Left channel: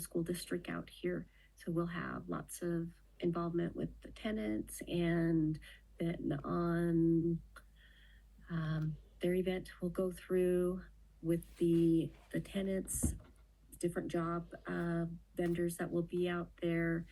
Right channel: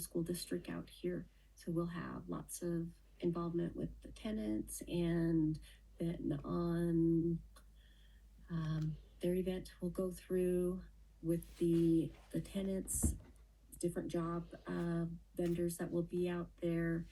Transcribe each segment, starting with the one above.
the school district out here. So we'll have lots of involvement with the tenants, and then on their event will go through with the tenants, different job vendors that will be out there,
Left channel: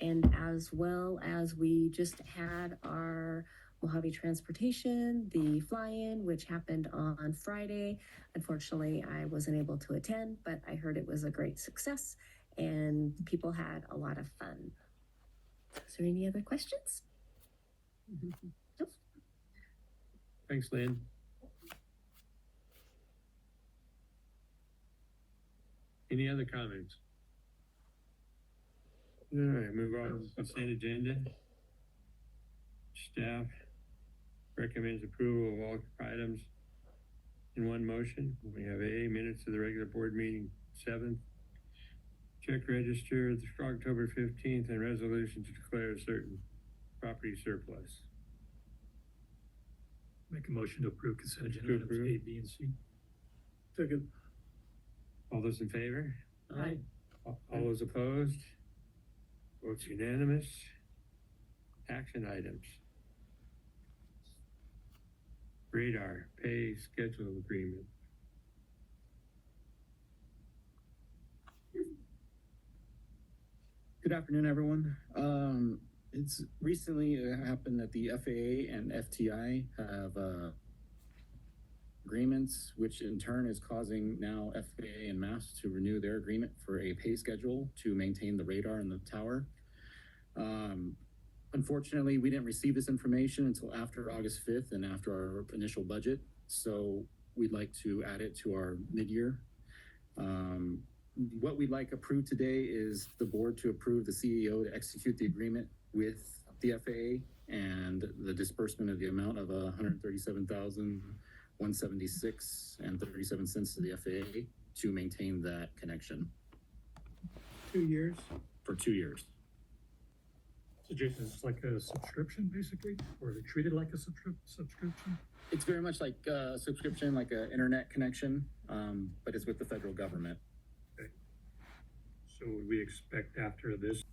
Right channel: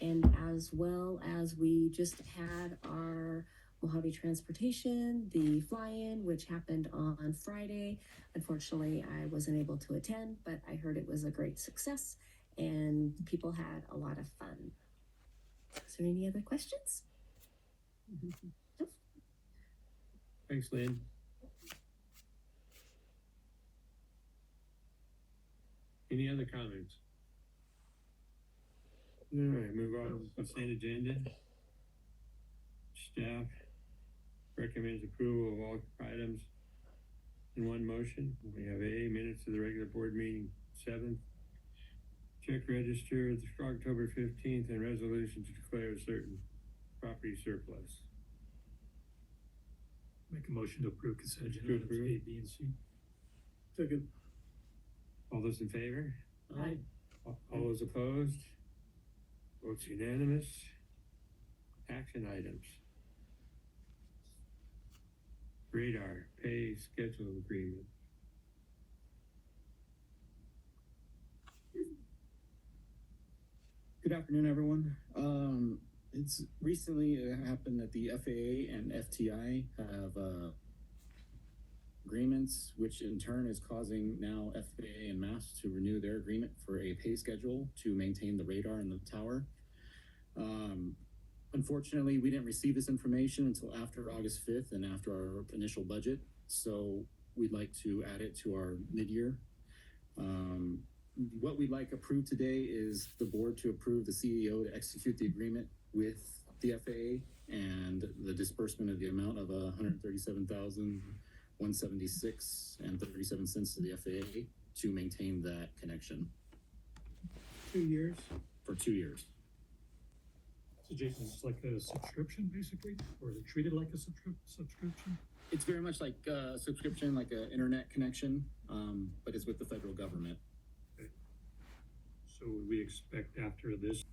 and as well as we just had our Mojave Transportation, the fly-in, which happened on Friday. Unfortunately, I wasn't able to attend, but I heard it was a great success and people had a lot of fun. Is there any other questions? No? Thanks, Lynn. Any other comments? All right, move on to the consent agenda. Staff recommends approval of all items in one motion. We have A, minutes of the regular board meeting 7th, check register October 15th, and resolution to declare a certain property surplus. Make a motion to approve consent agenda items A, B, and C. Second. All those in favor? Aye. All those opposed? Votes unanimous. Action items. Radar pay schedule agreement. Good afternoon, everyone. It's recently happened that the FAA and FTI have agreements, which in turn is causing now FAA and MAST to renew their agreement for a pay schedule to maintain the radar in the tower. Unfortunately, we didn't receive this information until after August 5th and after our initial budget, so we'd like to add it to our mid-year. What we'd like approved today is the board to approve the CEO to execute the agreement with the FAA and the disbursement of the amount of $137,176.37 to the FAA to maintain that connection. 2 years? For 2 years. So Jason, it's like a subscription basically, or is it treated like a subscription? It's very much like a subscription, like an internet connection, but it's with the federal government. Okay. So would we expect after this?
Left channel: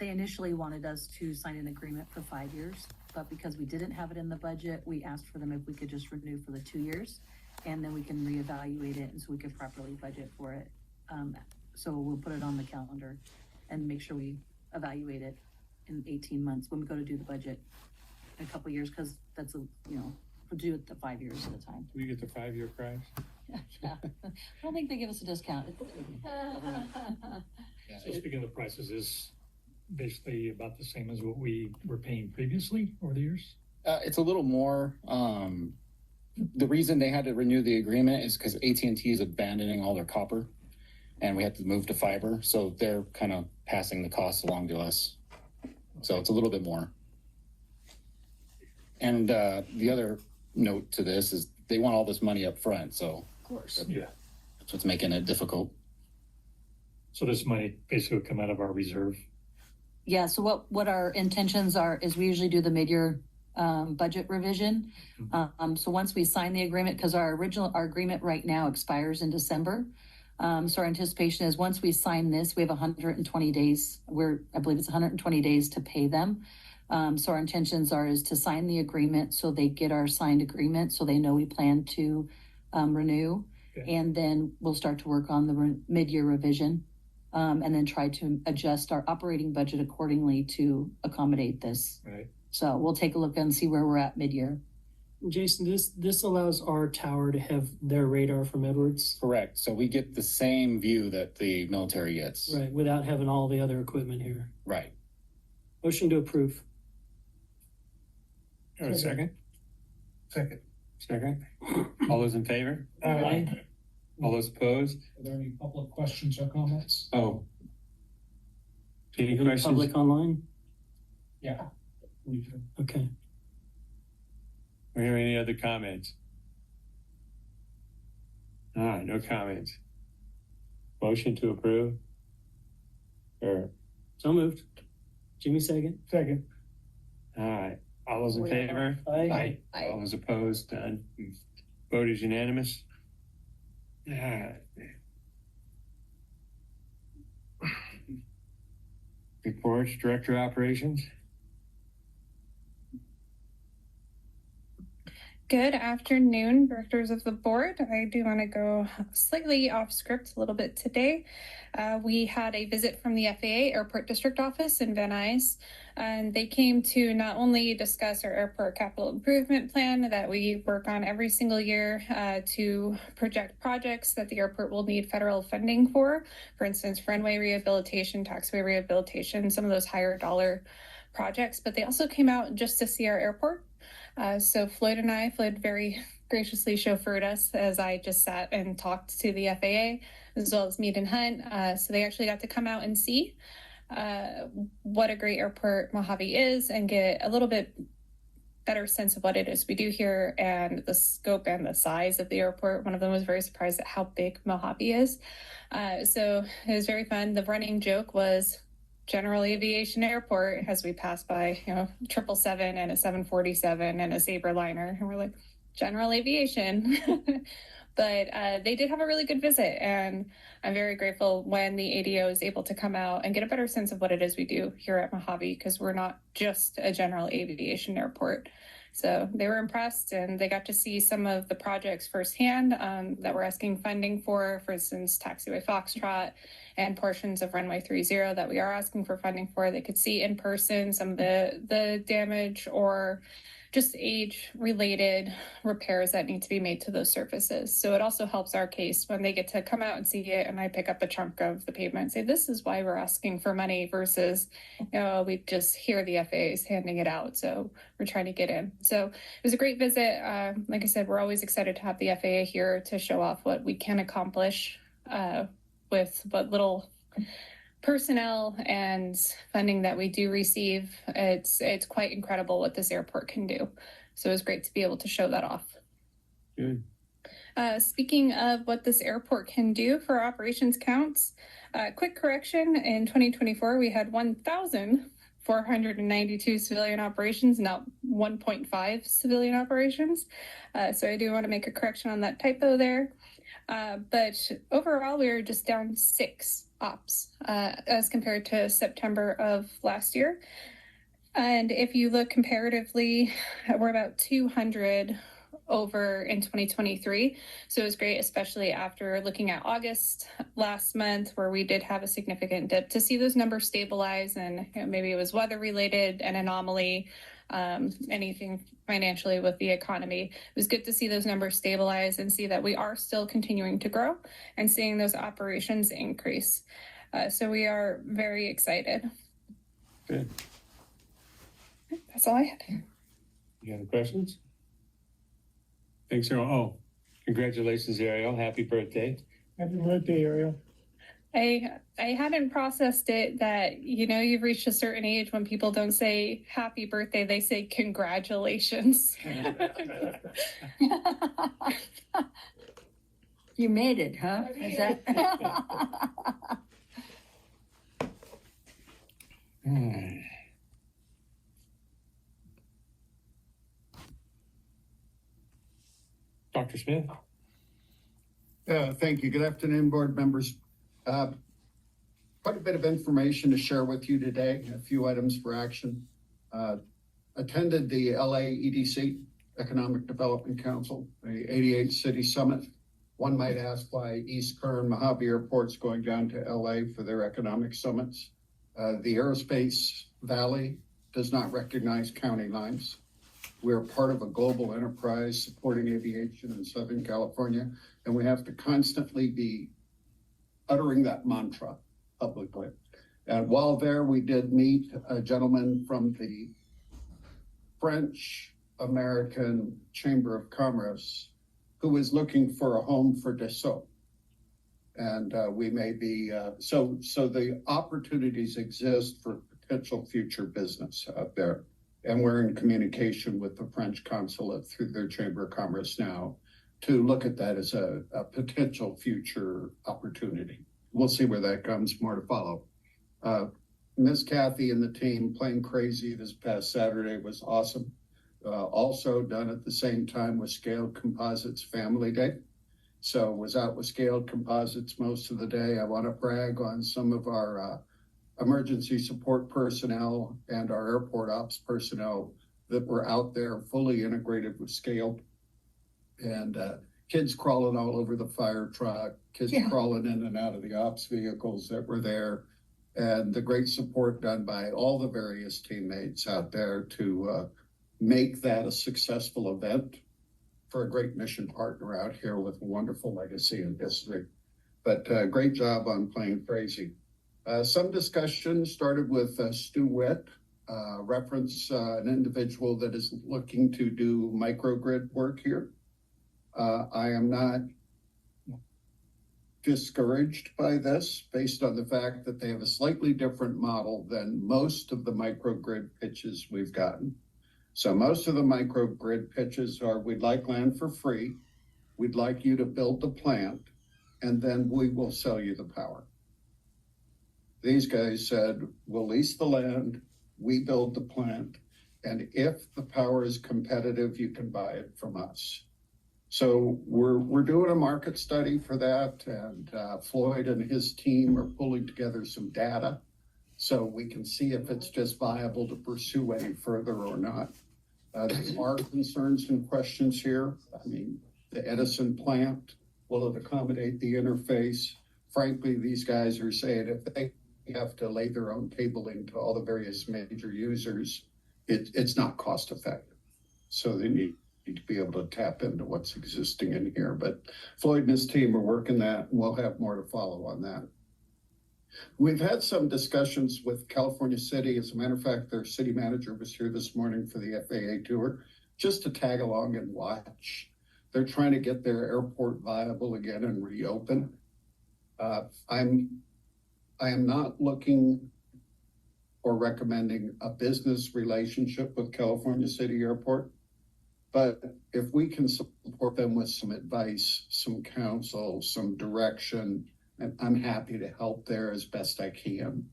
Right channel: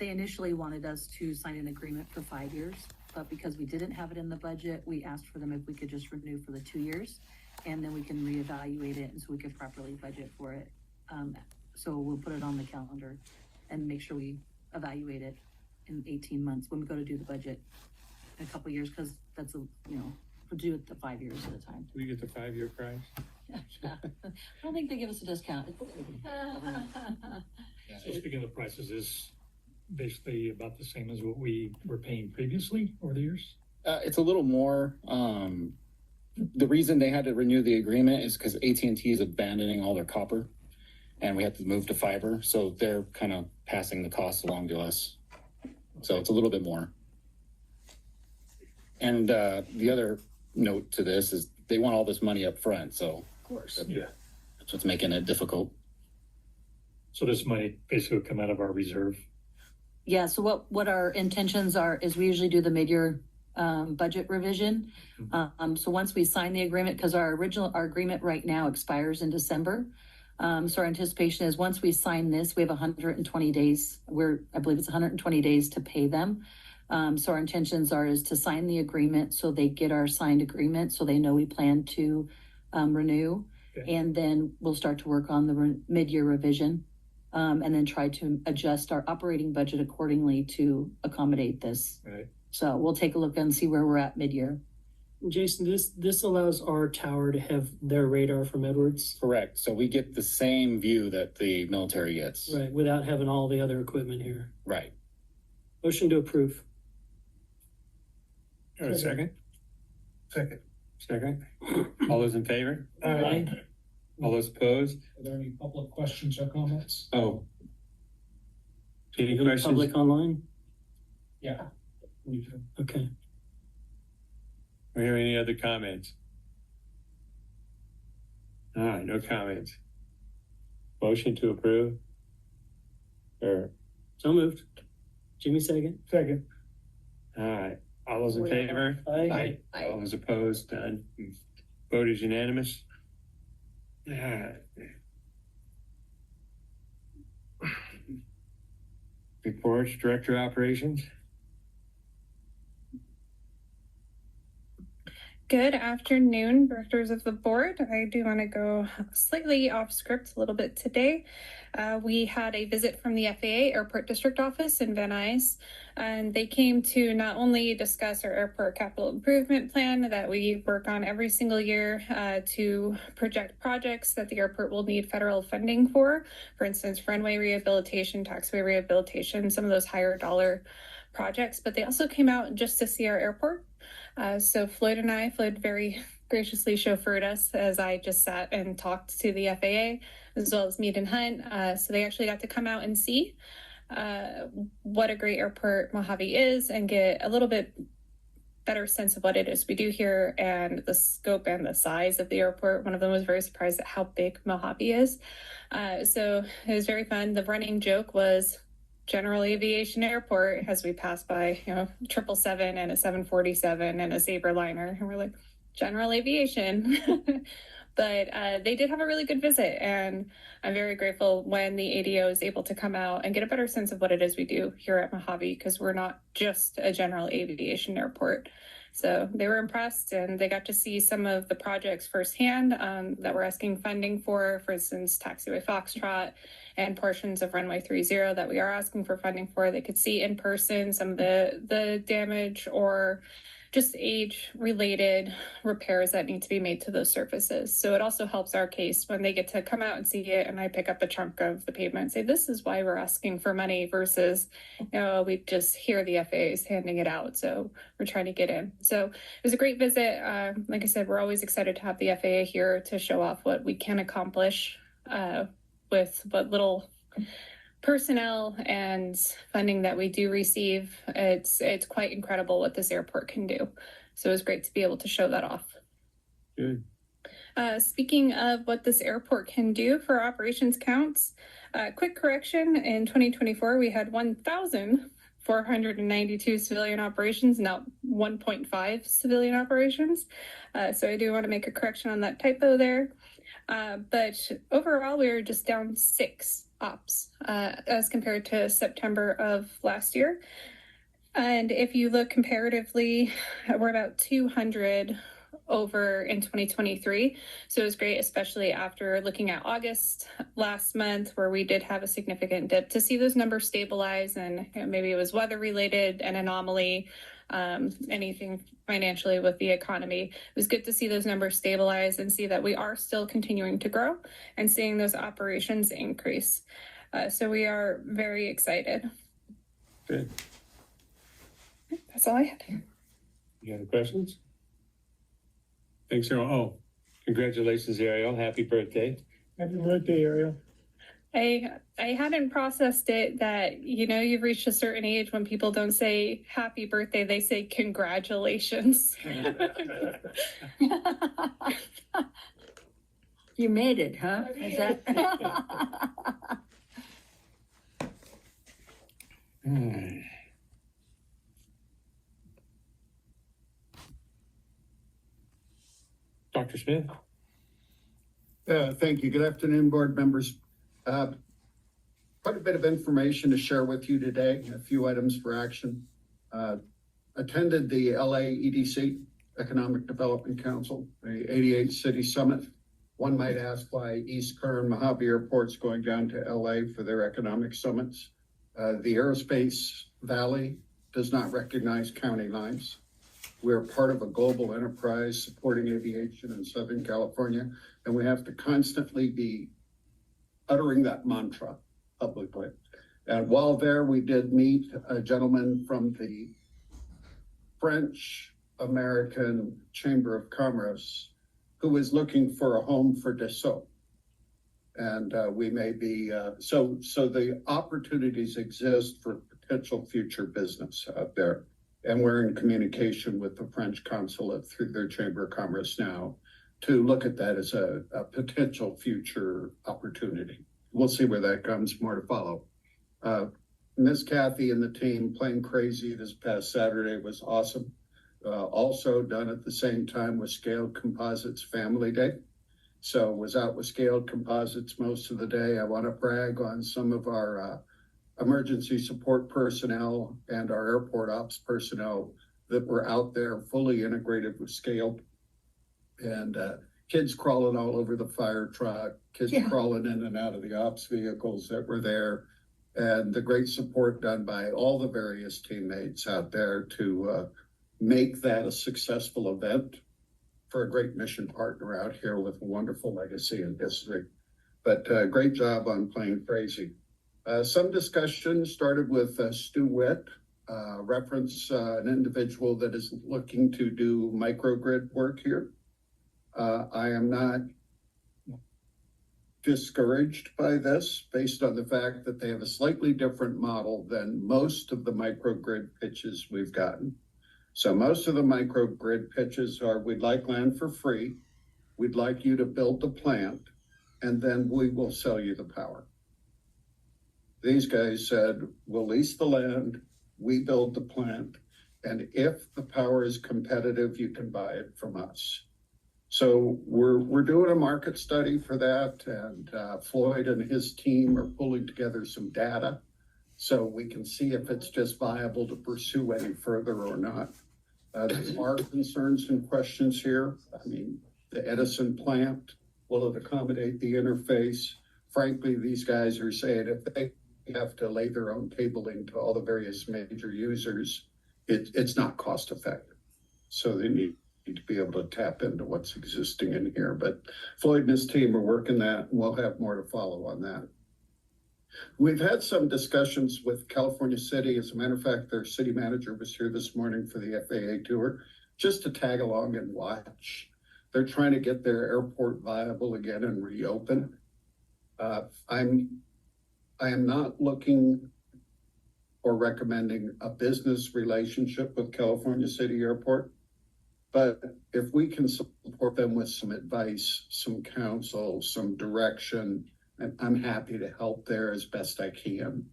They initially wanted us to sign an agreement for 5 years, but because we didn't have it in the budget, we asked for them if we could just renew for the 2 years, and then we can reevaluate it, and so we could properly budget for it. So we'll put it on the calendar and make sure we evaluate it in 18 months when we go to do the budget in a couple of years, because that's we'll do it to 5 years at a time. We get the 5-year price. Yeah. I don't think they give us a discount. So speaking of the prices, is basically about the same as what we were paying previously over the years? It's a little more. The reason they had to renew the agreement is because AT&T is abandoning all their copper, and we had to move to fiber, so they're kind of passing the costs along to us. So it's a little bit more. And the other note to this is they want all this money up front, so Of course. Yeah. that's what's making it difficult. So this money basically would come out of our reserve. Yeah, so what our intentions are is we usually do the mid-year budget revision. So once we sign the agreement, because our agreement right now expires in December. So our anticipation is once we sign this, we have 120 days. I believe it's 120 days to pay them. So our intentions is to sign the agreement so they get our signed agreement so they know we plan to renew. Okay. And then we'll start to work on the mid-year revision. And then try to adjust our operating budget accordingly to accommodate this. Right. So we'll take a look and see where we're at mid-year. Jason, this allows our tower to have their radar from Edwards. Correct. So we get the same view that the military gets. Right, without having all the other equipment here. Right. Motion to approve. Second? Second. All those in favor? Aye. All those opposed? Are there any public questions or comments? Oh. Any Any questions? public online? Yeah. We do. Okay. Are there any other comments? All right, no comments. Motion to approve? Or, So moved. Jimmy, second. Second. all right, all those in favor? Aye. All those opposed? None. Vote is unanimous. reports, Director of Operations. Good afternoon, directors of the board. I do want to go slightly off script a little bit today. We had a visit from the FAA Airport District Office in Van Nuys, and they came to not only discuss our airport capital improvement plan that we work on every single year to project projects that the airport will need federal funding for instance, runway rehabilitation, taxiway rehabilitation, some of those higher dollar projects, but they also came out just to see our airport. So Floyd very graciously chauffeured us as I just sat and talked to the FAA, as well as Mead and Hunt. So they actually got to come out and see what a great airport Mojave is and get a little bit better sense of what it is we do here and the scope and the size of the airport. One of them was very surprised at how big Mojave is. So it was very fun. The running joke was General Aviation Airport as we passed by, 777 and a 747 and a Sabreliner, and we're like, General Aviation. But they did have a really good visit, and I'm very grateful when the ADO is able to come out and get a better sense of what it is we do here at Mojave, because we're not just a general aviation airport. So they were impressed, and they got to see some of the projects firsthand that we're asking funding for instance, Taxiway Foxtrot and portions of Runway 30 that we are asking for funding for. They could see in person some of the damage or just age-related repairs that need to be made to those surfaces. So it also helps our case when they get to come out and see it, and I pick up a chunk of the pavement and say, this is why we're asking for money versus, we just hear the FAAs handing it out. So we're trying to get in. So it was a great visit. Like I said, we're always excited to have the FAA here to show off what we can accomplish with what little personnel and funding that we do receive. It's quite incredible what this airport can do. So it was great to be able to show that off. Good. Speaking of what this airport can do for operations counts, quick correction, in 2024 we had 1,492 civilian operations, not 1.5 civilian operations. So I do want to make a correction on that typo there. But overall, we were just down 6 ops as compared to September of last year. And if you look comparatively, we're about 200 over in 2023. So it was great, especially after looking at August last month, where we did have a significant dip, to see those numbers stabilize. And maybe it was weather related, an anomaly, anything financially with the economy. It was good to see those numbers stabilize and see that we are still continuing to grow and seeing those operations increase. So we are very excited. Good. That's all I had. You have any questions? Thanks, Ariel. Oh, congratulations, Ariel. Happy birthday. Happy birthday, Ariel. I hadn't processed it that, you've reached a certain age when people don't say happy birthday, they say congratulations. You made it, huh? Is that? Dr. Smith? Thank you. Good afternoon, board members. Quite a bit of information to share with you today, a few items for action. Attended the LA EDC, Economic Development Council, the 88 City Summit. One might ask why East Kern Mojave Airport's going down to LA for their economic summits. The Aerospace Valley does not recognize county lines. We're part of a global enterprise supporting aviation in Southern California, and we have to constantly be uttering that mantra publicly. And while there, we did meet a gentleman from the French American Chamber of Commerce who was looking for a home for Dassault. And we may be, so the opportunities exist for potential future business out there. And we're in communication with the French consulate through their Chamber of Commerce now to look at that as a potential future opportunity. We'll see where that comes, more to follow. Miss Kathy and the team playing crazy this past Saturday was awesome. Also done at the same time with Scaled Composites Family Day. So was out with Scaled Composites most of the day. I want to brag on some of our emergency support personnel and our airport ops personnel that were out there fully integrated with scale. And kids crawling all over the fire truck, kids crawling in and out of the ops vehicles that were there, and the great support done by all the various teammates out there to make that a successful event for a great mission partner out here with a wonderful legacy and history. But great job on playing crazy. Some discussion started with Stu Witt, reference an individual that is looking to do microgrid work here. I am not discouraged by this based on the fact that they have a slightly different model than most of the microgrid pitches we've gotten. So most of the microgrid pitches are, we'd like land for free, we'd like you to build the plant, and then we will sell you the power. These guys said, we'll lease the land, we build the plant, and if the power is competitive, you can buy it from us. So we're doing a market study for that, and Floyd and his team are pulling together some data so we can see if it's just viable to pursue any further or not. There are concerns and questions here. I mean, the Edison plant, will it accommodate the interface? Frankly, these guys are saying if they have to lay their own cabling to all the various major users, it's not cost effective. So they need to be able to tap into what's existing in here. But Floyd and his team are working that, and we'll have more to follow on that. We've had some discussions with California City. As a matter of fact, their city manager was here this morning for the FAA tour, just to tag along and watch. They're trying to get their airport viable again and reopen. I am not looking or recommending a business relationship with California City Airport. But if we can support them with some advice, some counsel, some direction, and I'm happy to help there as best I can.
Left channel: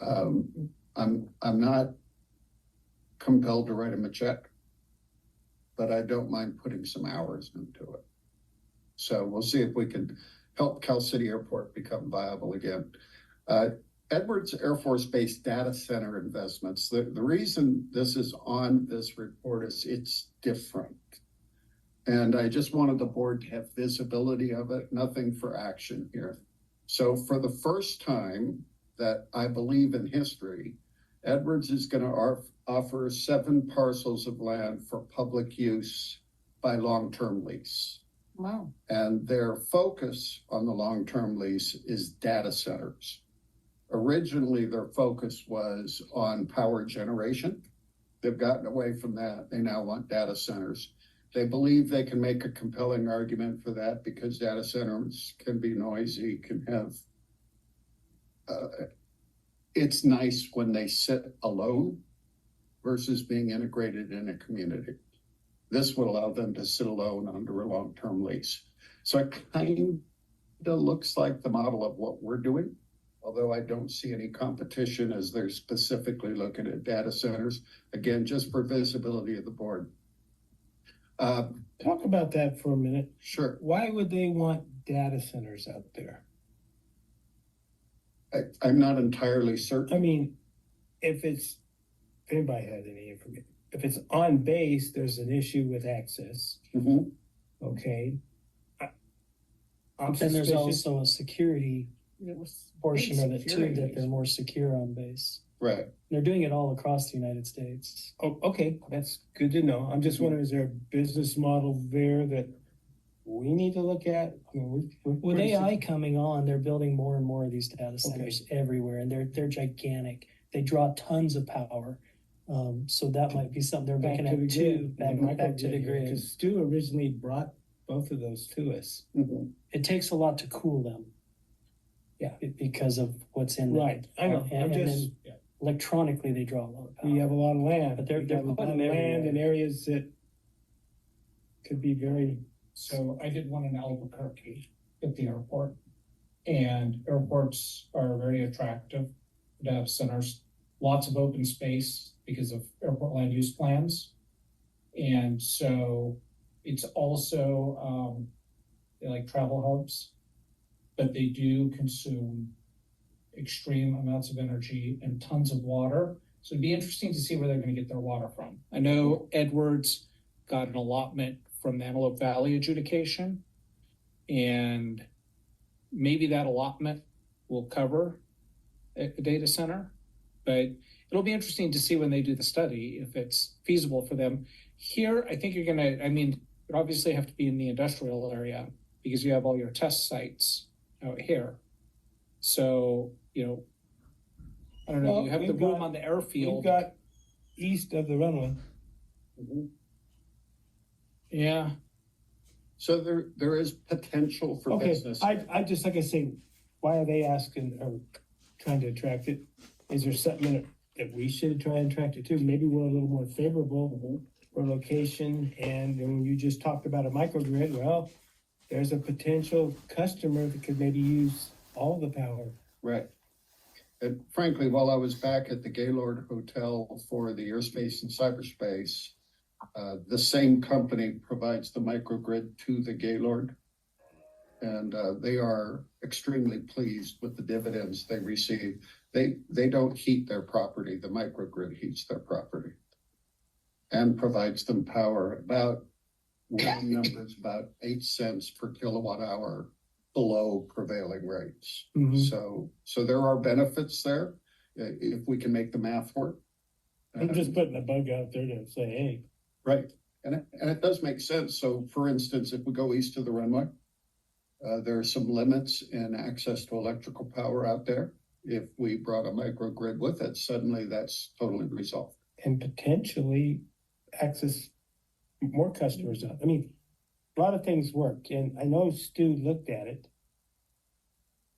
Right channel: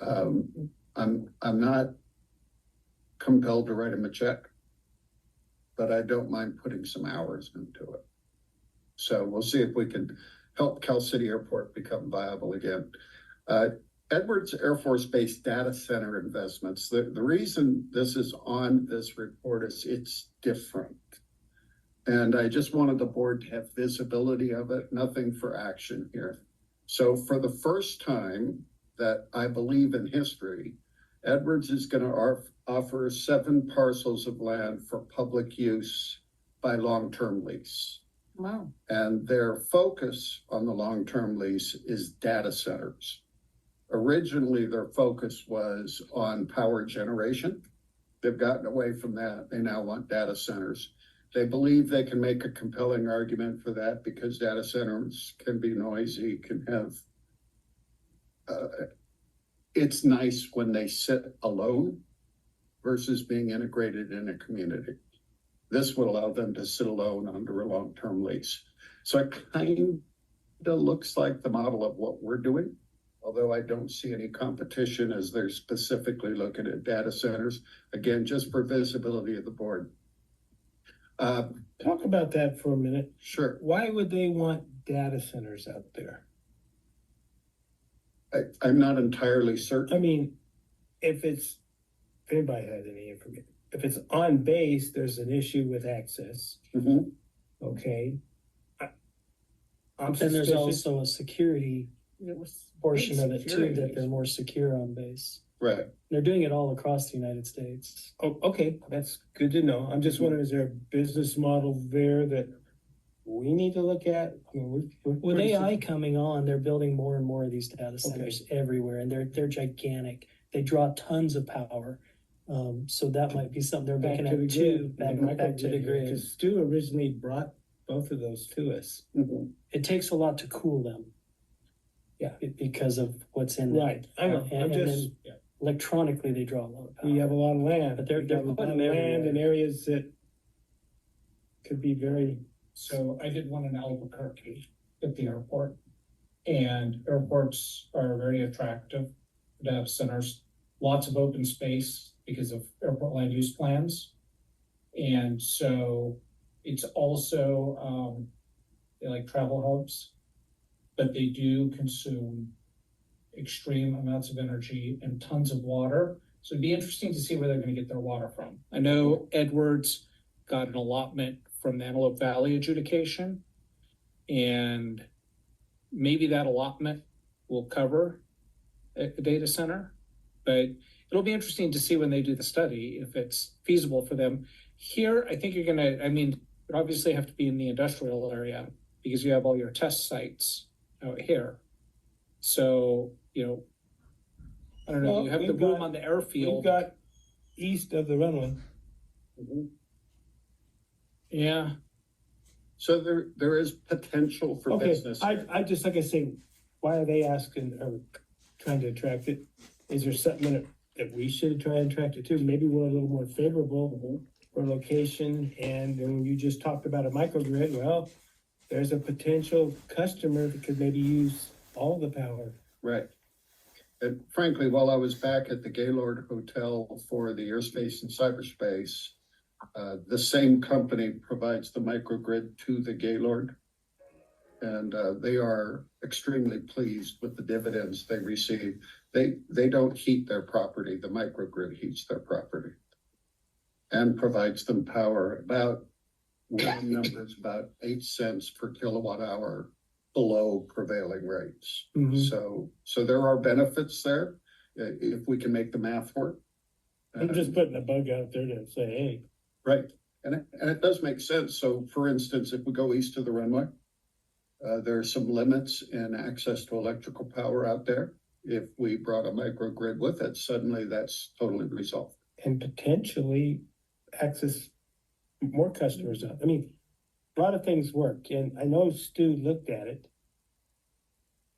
I'm not compelled to write them a check, but I don't mind putting some hours into it. So we'll see if we can help Cal City Airport become viable again. Edwards Air Force Base data center investments. The reason this is on this report is it's different. And I just wanted the board to have visibility of it, nothing for action here. So for the first time that I believe in history, Edwards is going to offer 7 parcels of land for public use by long-term lease. Wow. And their focus on the long-term lease is data centers. Originally, their focus was on power generation. They've gotten away from that. They now want data centers. They believe they can make a compelling argument for that because data centers can be noisy, can have, it's nice when they sit alone versus being integrated in a community. This would allow them to sit alone under a long-term lease. So it kind of looks like the model of what we're doing, although I don't see any competition as they're specifically looking at data centers. Again, just for visibility of the board. Talk about that for a minute. Sure. Why would they want data centers out there? I'm not entirely certain. I mean, if anybody has any information, if it's on base, there's an issue with access. Mm-hmm. Okay. And there's also a security portion of it too, that they're more secure on base. Right. They're doing it all across the United States. Oh, okay, that's good to know. I'm just wondering, is there a business model there that we need to look at? I mean, With AI coming on, they're building more and more of these data centers everywhere, and they're gigantic. They draw tons of power. So that might be something they're looking at too, back to the grid. Because Stu originally brought both of those to us. Mm-hmm. It takes a lot to cool them. Yeah. Because of what's in them. Right, I know, And then electronically they draw a lot of power. We have a lot of land, But they're We have a lot putting of them land in everywhere. areas that could be very. So I did one in Albuquerque at the airport, and airports are very attractive to have centers, lots of open space because of airport land use plans. And so it's also, they like travel hubs, but they do consume extreme amounts of energy and tons of water. So it'd be interesting to see where they're gonna get their water from. I know Edwards got an allotment from Antelope Valley adjudication, and maybe that allotment will cover a data center, but it'll be interesting to see when they do the study if it's feasible for them. Here, I think you're gonna, I mean, you obviously have to be in the industrial area because you have all your test sites out here. So, you know, I don't know, Well, you have the we've room got- on the airfield. We've got east of the runway. Yeah, So there is potential for Okay, business. I just, like I say, why are they asking or trying to attract it? Is there something that we should try and attract it to? Maybe we're a little more favorable for location, and when you just talked about a microgrid, well, there's a potential customer that could maybe use all the power. Right. And frankly, while I was back at the Gaylord Hotel for the airspace and cyberspace, the same company provides the microgrid to the Gaylord. And they are extremely pleased with the dividends they receive. They don't heat their property, the microgrid heats their property and provides them power about, round numbers, about 8 cents per kilowatt hour below prevailing rates. Mhm. So there are benefits there, if we can make the math work. I'm just putting a bug out there to say, hey, Right, and it does make sense. So for instance, if we go east of the runway, there are some limits in access to electrical power out there. If we brought a microgrid with it, suddenly that's totally resolved. and potentially access more customers up. I mean, a lot of things work, and I know Stu looked at it.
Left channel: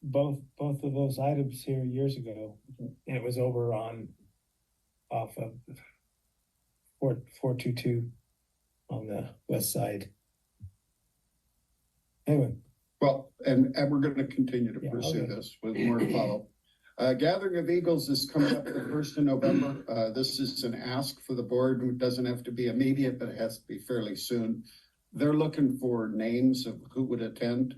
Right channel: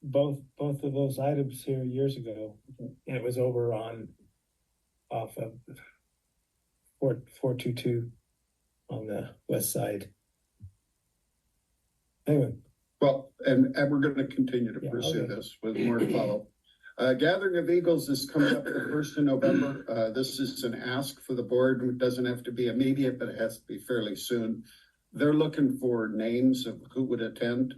Both of those items here years ago, and it was over on off of 422 on the west side. Anyway, Well, and we're gonna continue to Yeah, pursue okay. this with more to follow. Gathering of Eagles is coming up the 1st of November. This is an ask for the board. It doesn't have to be immediate, but it has to be fairly soon. They're looking for names of who would attend.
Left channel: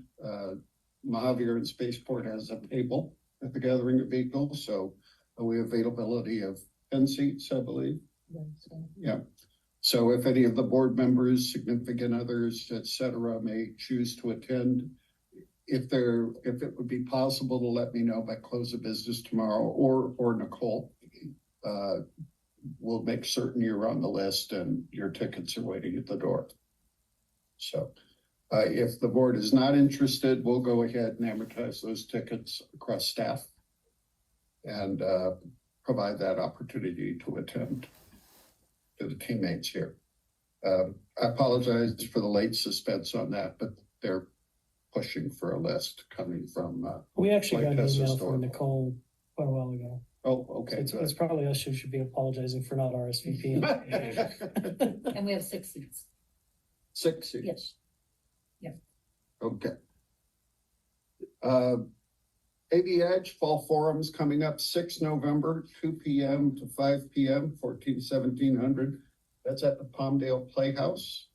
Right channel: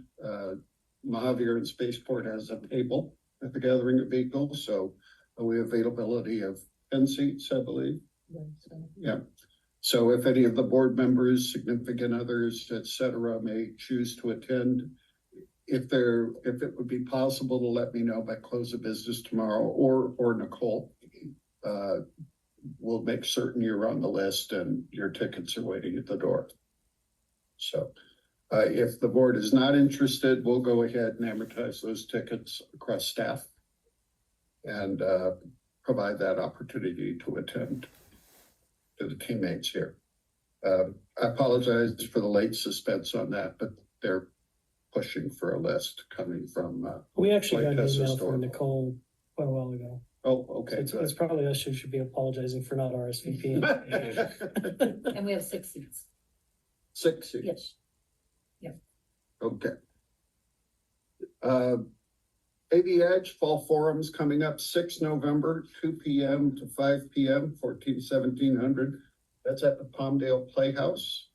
Mojave and Spaceport has a table at the Gathering of Eagles, so we have availability of 10 seats, I believe. Yeah. So if any of the board members, significant others, et cetera, may choose to attend, if it would be possible to let me know by close of business tomorrow, or Nicole, we'll make certain you're on the list and your tickets are waiting at the door. So, if the board is not interested, we'll go ahead and amortize those tickets across staff and, provide that opportunity to attend to the teammates here. I apologize for the late suspense on that, but they're pushing for a list coming from, we actually got an Like email historical. from Nicole quite a while ago. oh, So okay. it's probably us who should be apologizing for not RSVPing. And we have 6 seats. 6 seats. Yes. Okay. AV Edge Fall Forum's coming up 6 November, 2 PM to 5 PM, 1700. That's at the Palmdale Playhouse.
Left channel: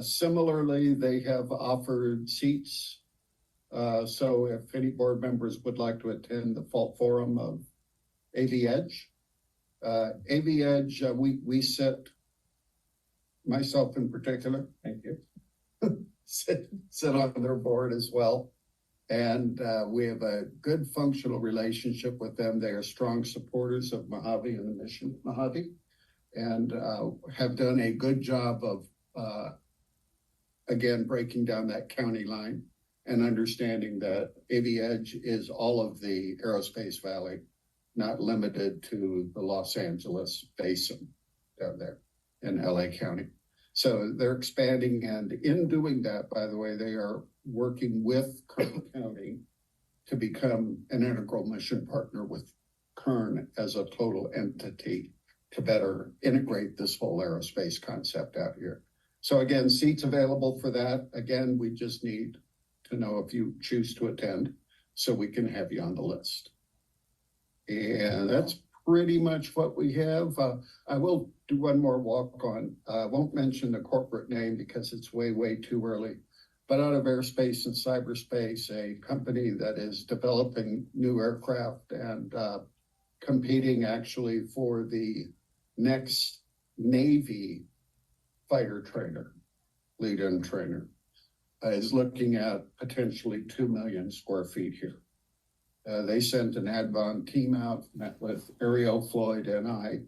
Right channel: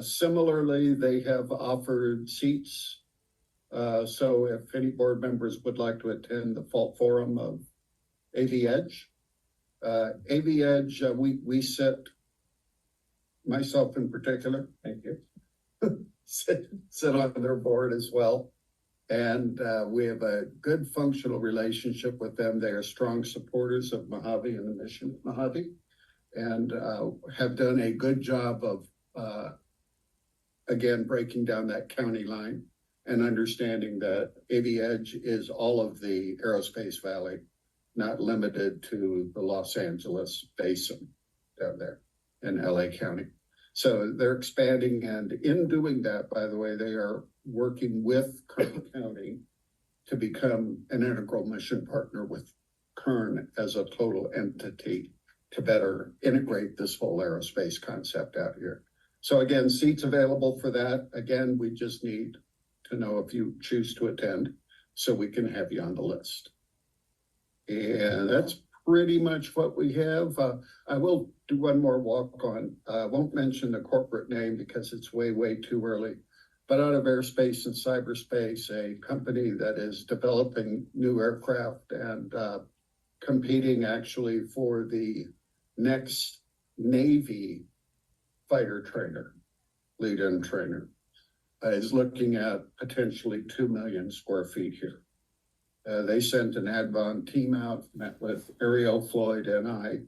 Similarly, they have offered seats. So if any board members would like to attend the Fall Forum of AV Edge. AV Edge, we sit, myself in particular, thank you, sit on their board as well. And we have a good functional relationship with them. They are strong supporters of Mojave and the mission of Mojave, and have done a good job of, again, breaking down that county line and understanding that AV Edge is all of the Aerospace Valley, not limited to the Los Angeles basin down there in LA County. So they're expanding, and in doing that, by the way, they are working with Kern County to become an integral mission partner with Kern as a total entity to better integrate this whole aerospace concept out here. So again, seats available for that. Again, we just need to know if you choose to attend so we can have you on the list. And that's pretty much what we have. I will do one more walk on. I won't mention the corporate name because it's way, way too early. but out of airspace and cyberspace, a company that is developing new aircraft and competing actually for the next Navy fighter trainer, lead-in trainer, is looking at potentially 2 million square feet here. They sent an Advon team out, met with Ariel, Floyd, and I,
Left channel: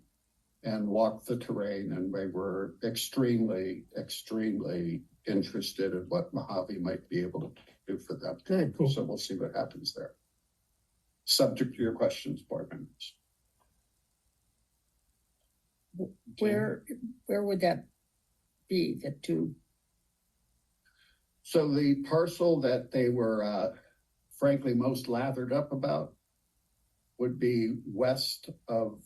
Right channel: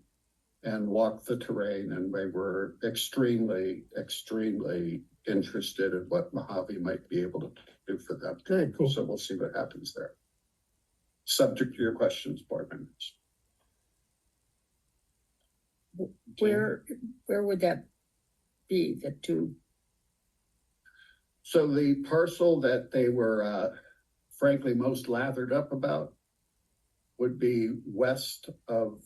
and walked the terrain, and they were extremely, extremely interested in what Mojave might be able to do for them. Good, cool. So we'll see what happens there. Subject to your questions, board members. Where would that be, the two? So the parcel that they were frankly most lathered up about would be west of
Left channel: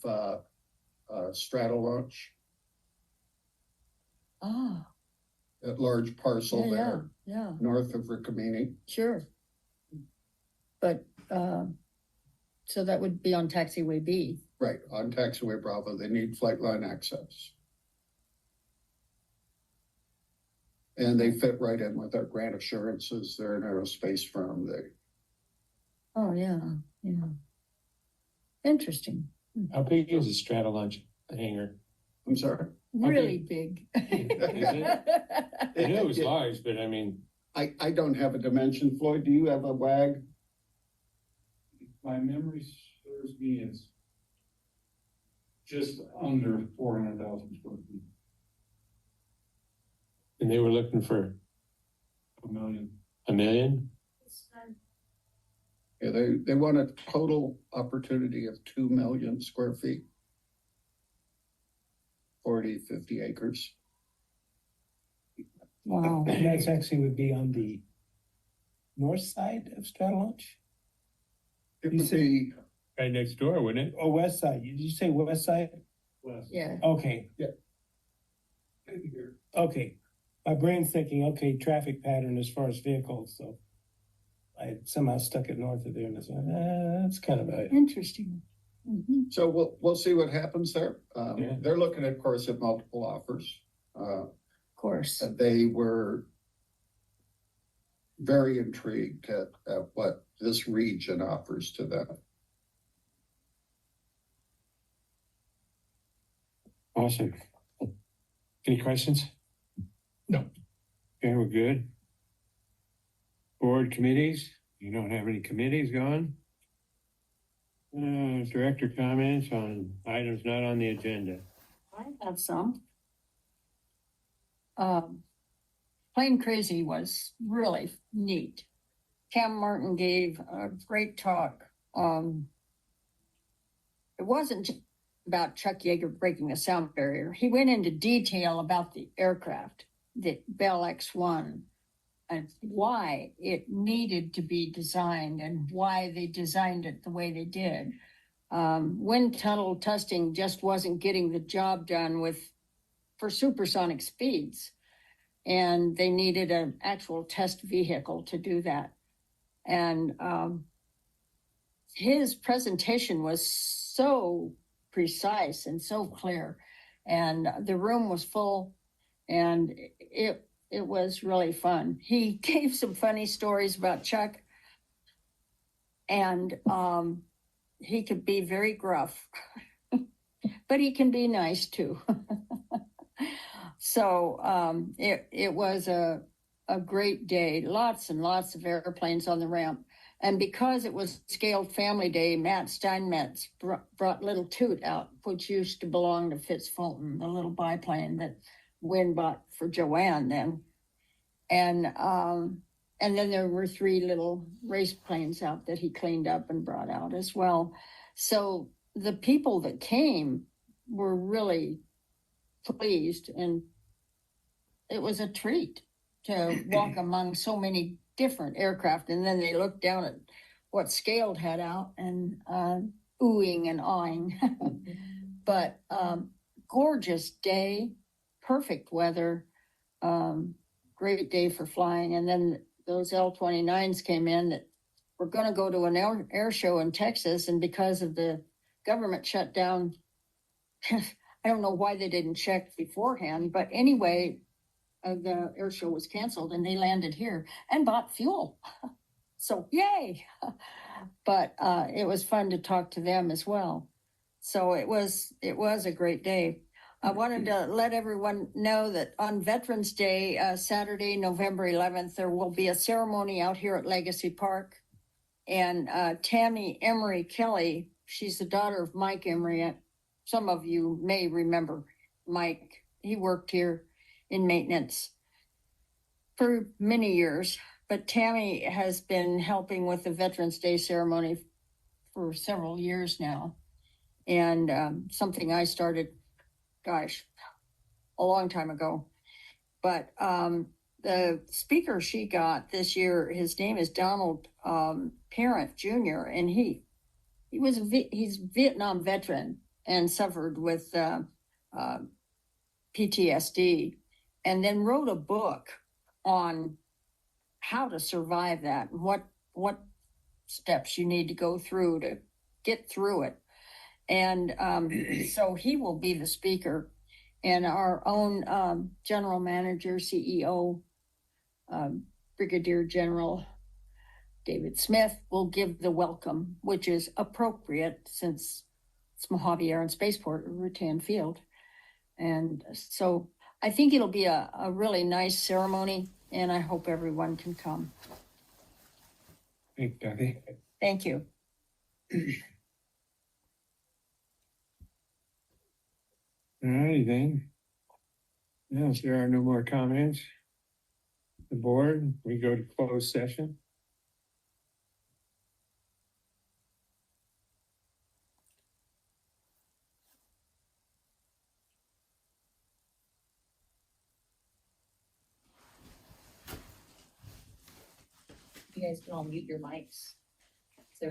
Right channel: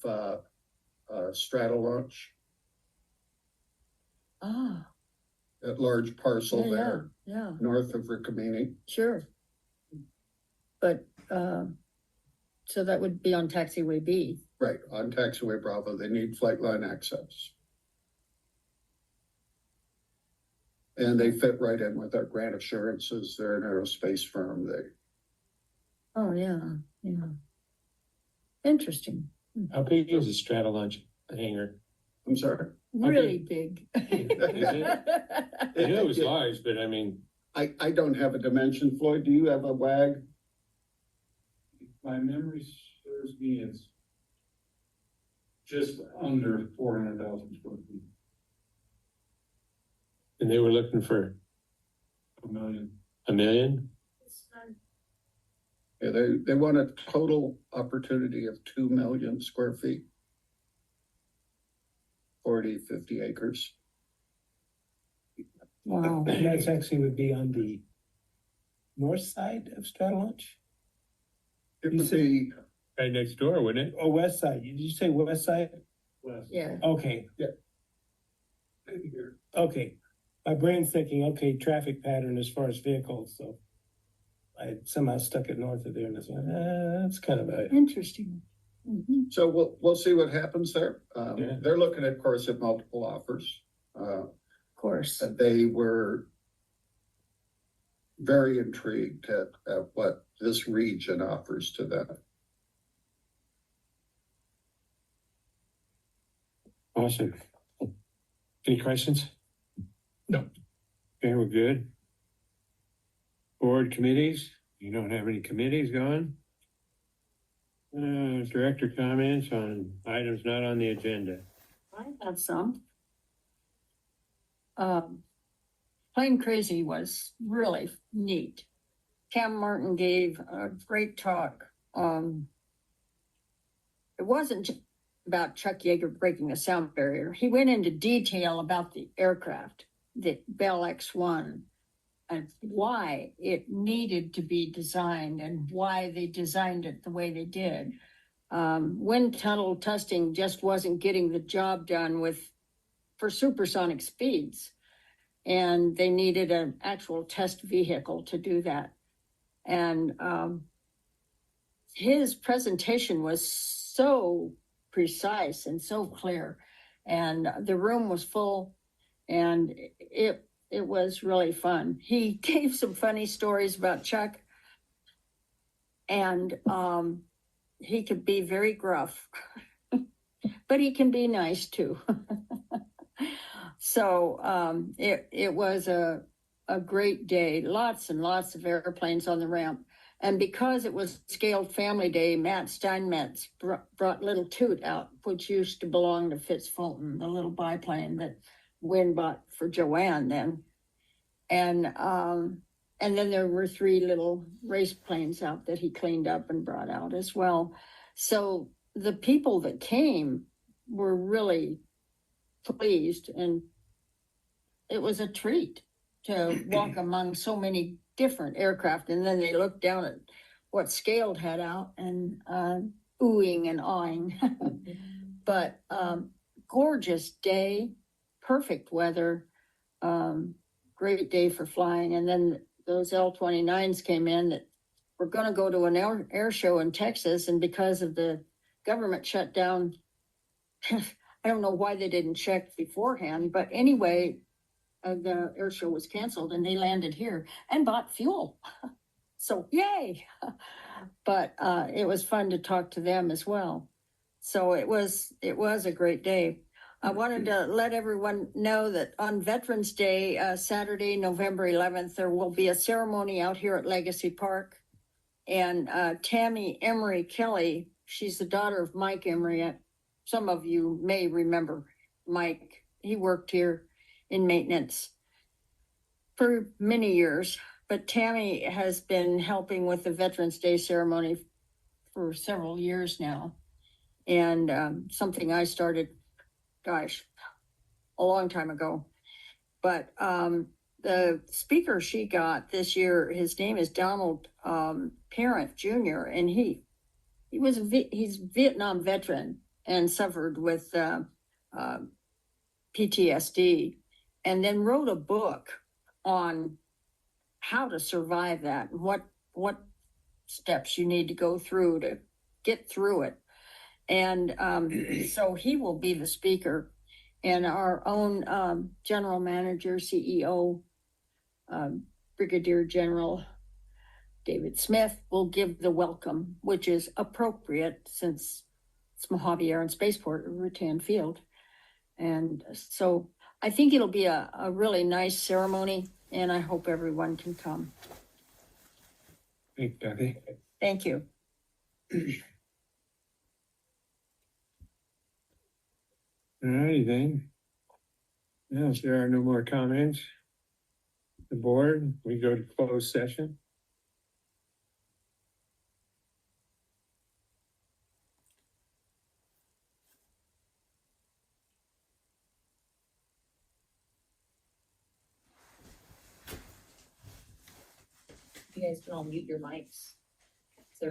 Straddle Launch, Ah, that large parcel yeah, there, yeah, north of Rickamini. sure. But, so that would be on taxiway B. Right, on taxiway Bravo, they need flight line access. And they fit right in with our grant assurances. They're an aerospace firm. Oh, yeah, yeah. Interesting, How big is the straddle launch hangar? I'm sorry. really big. I know it was large, but I mean, I don't have a dimension. Floyd, do you have a WAG? My memory serves me as just under 400,000 square feet, and they were looking for 1 million. $1 million? Yeah, they want a total opportunity of 2 million square feet. 40, 50 acres. Wow. And that's actually would be on the north side of Straddle Launch? It You would said- be, Right next door, wouldn't it? Oh, west side, did you say west side? West. Yeah, Okay, okay. My brain's thinking, okay, traffic pattern as far as vehicles, so. I somehow stuck it north of there and I said, that's kind of a. interesting. Mhm. so we'll see what happens there. Yeah. They're looking, of course, at multiple offers. Of course, They were very intrigued at what this region offers to them. Awesome. Any questions? No. Okay, we're good. Board committees? You don't have any committees going? Director comments on items not on the agenda. I have some. Plane Crazy was really neat. Cam Martin gave a great talk. It wasn't just about Chuck Yeager breaking a sound barrier. He went into detail about the aircraft, the Bell X-1, and why it needed to be designed and why they designed it the way they did. Wind tunnel testing just wasn't getting the job done for supersonic speeds. And they needed an actual test vehicle to do that. And his presentation was so precise and so clear. And the room was full, and it was really fun. He gave some funny stories about Chuck, and he could be very gruff, but he can be nice too. So it was a great day, lots and lots of airplanes on the ramp. And because it was Scaled Family Day, Matt Steinmetz brought Little Toot out, which used to belong to Fitz Fulton, the little biplane that Wynn bought for Joanne then. And then there were 3 little race planes out that he cleaned up and brought out as well. So the people that came were really pleased, and it was a treat to walk among so many different aircraft. And then they looked down at what Scaled had out and oohing and awing. But gorgeous day, perfect weather, great day for flying. And then those L-29s came in that were going to go to an air show in Texas, and because of the government shutdown, I don't know why they didn't check beforehand, but anyway, the air show was canceled and they landed here and bought fuel. So yay. But, it was fun to talk to them as well. So it was a great day. I wanted to let everyone know that on Veterans Day, Saturday, November 11th, there will be a ceremony out here at Legacy Park. And Tammy Emery Kelly, she's the daughter of Mike Emery. Some of you may remember Mike. He worked here in maintenance for many years. But Tammy has been helping with the Veterans Day ceremony for several years now. And something I started, gosh, a long time ago. But the speaker she got this year, his name is Donald Parent Jr., and he's a Vietnam veteran and suffered with PTSD, and then wrote a book on how to survive that and what steps you need to go through to get through it. And so he will be the speaker, and our own general manager, CEO, Brigadier General David Smith will give the welcome, which is appropriate since it's Mojave Air and Spaceport, Rutan Field. And so I think it'll be a really nice ceremony, and I hope everyone can come. Thanks, Becky. Thank you. All righty then. Now, if there are no more comments, the board, we go to closed session. You guys can all mute your mics. So